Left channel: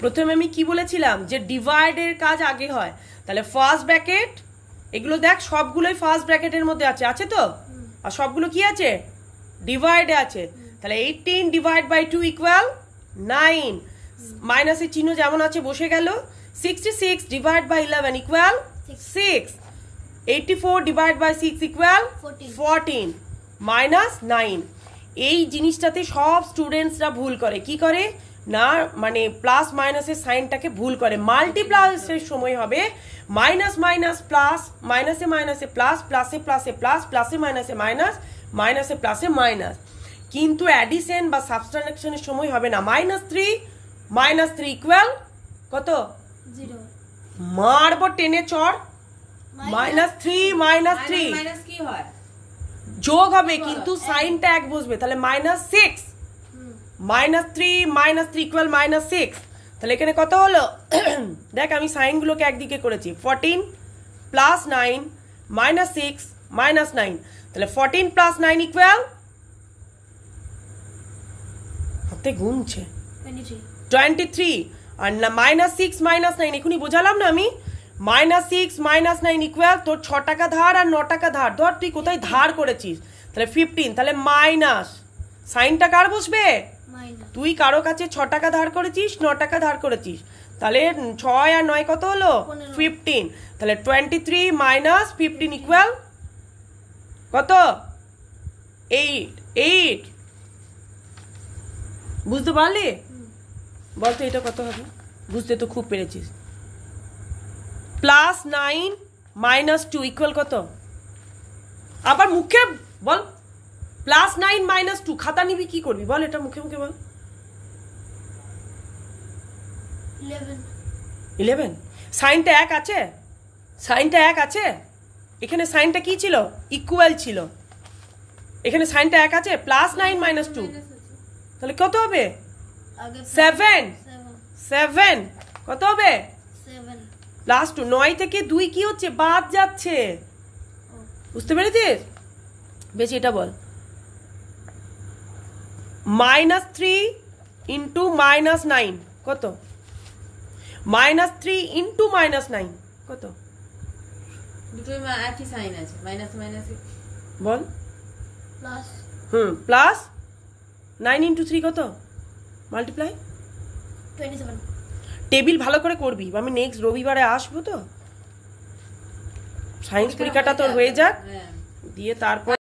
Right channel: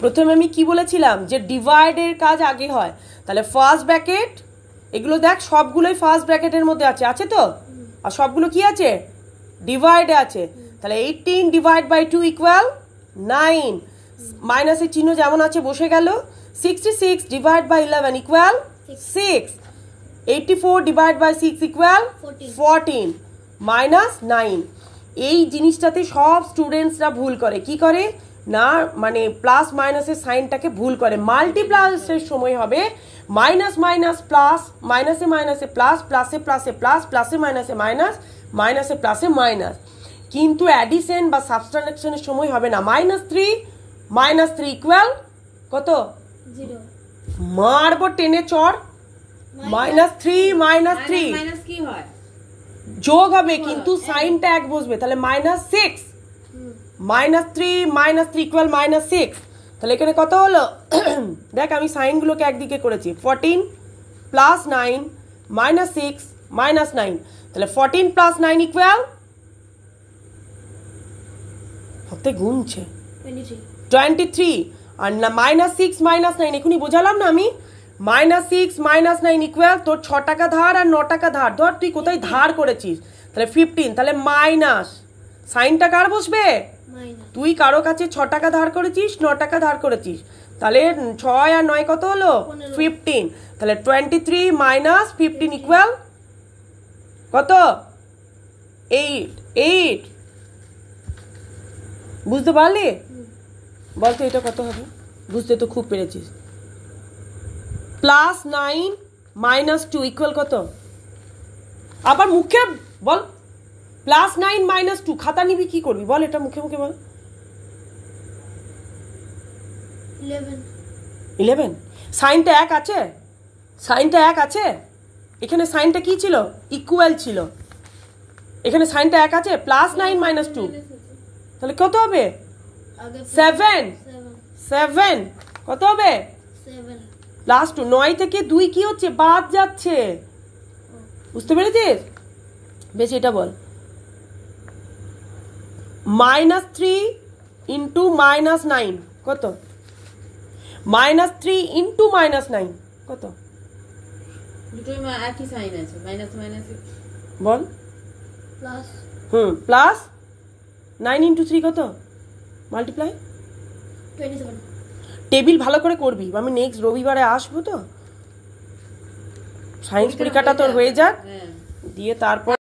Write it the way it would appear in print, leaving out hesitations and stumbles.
প্রথমে আমি কি বলেছিলাম যে ডিভাইডের কাজ আগে হয়, তাহলে ফার্স্ট ব্র্যাকেট, এগুলো দেখ সবগুলোই ফার্স্ট ব্র্যাকেটের মধ্যে আছে, আছে তো? আর সবগুলো কি আছে? ডিভাইডে আছে। তাহলে 18 ডিভাইড বাই 2 ইকুয়াল 9, মাইনাসের চিহ্ন যেমন আছে বসে গেল। 66 divide by 11 equal 6, 84 divide by 6 equal 14 minus 9। এই জিনিসটাতে সব স্টুডেন্টসরা ভুল করে, কি করে না, মানে প্লাস মাইনাসের সাইনটাকে ভুল করে। মাল্টিপ্লাসের সময় হবে মাইনাস মাইনাস প্লাস, মাইনাসে মাইনাসে প্লাস, প্লাসে প্লাসে প্লাস, প্লাসে মাইনাসে মাইনাস, মাইনাসে প্লাসে মাইনাস। কিন্তু অ্যাডিশন বা সাবট্রাকশনের সময় হবে না। -3 ইকুয়াল কত? 0। মারবো টেনে চর। -3 মাইনাস কি হয়? যোগ হবে কিন্তু সাইনটা এক বসবে, তাহলে -6, -3 ইকুয়াল -6। তাহলে এখানে কত হলো? দেখ আমি সাইনগুলোকে একদিকে করেছি। 14 প্লাস 9 -6 -9, তাহলে 14 প্লাস 9 ইকুয়াল, হাতে গুনছে 23। আর -6 -9 এখনই বোঝালাম না আমি। -6 -9 ইকুয়াল তোর 6 টাকা ধার আর 9 টাকা ধার। ধর তুই কোথায় ধার করেছিস, তাহলে 15, তাহলে মাইনাস সাইনটা কার বসবে? তুই কারো কাছে 6 টাকা ধার করেছিস, 9 টাকা ধার করেছিস, তাহলে 6 আর 9 কত হলো? 15। তাহলে 23 মাইনাস 15 ইকুয়াল কত? 8। বুঝতে পারলি? বলতো এটা কত হবে? বুঝতে তো খুব পেরেছিস। +9 - 2 ইকুয়াল কত? আবার মুখে বল। +9 - 2 খাতা নিবি কি করবি বল, এটা মুখে মুখে বল। 11। সাইনটা এক আছে, সাইনটা এক আছে। এখানে সাইনটা কি ছিল? ইকুয়াল ছিল। এখানে সাইনটা এক আছে। +9 - 2 তাহলে কত হবে? 7 কত হবে? 7 + 2 9 থেকে 2 কি হচ্ছে? বাদ যাচ্ছে। বুঝতে পেরেছিস? বেশি এটা বল। -3 ইন্টু -9 কত? -3 ইন্টু -9 কত? দুটোই একই সাইন আছে, মাইনাস মাইনাস বল। প্লাস প্লাস 9 ইন্টু 3 কত? মাল্টিপ্লাই 27। টেবিল ভালো করে করবি, আমি নেক্সট রবিবারে আসবো তো। সায়েন্স পরীক্ষাটা তোর হয়ে যাক, দিয়ে তারপর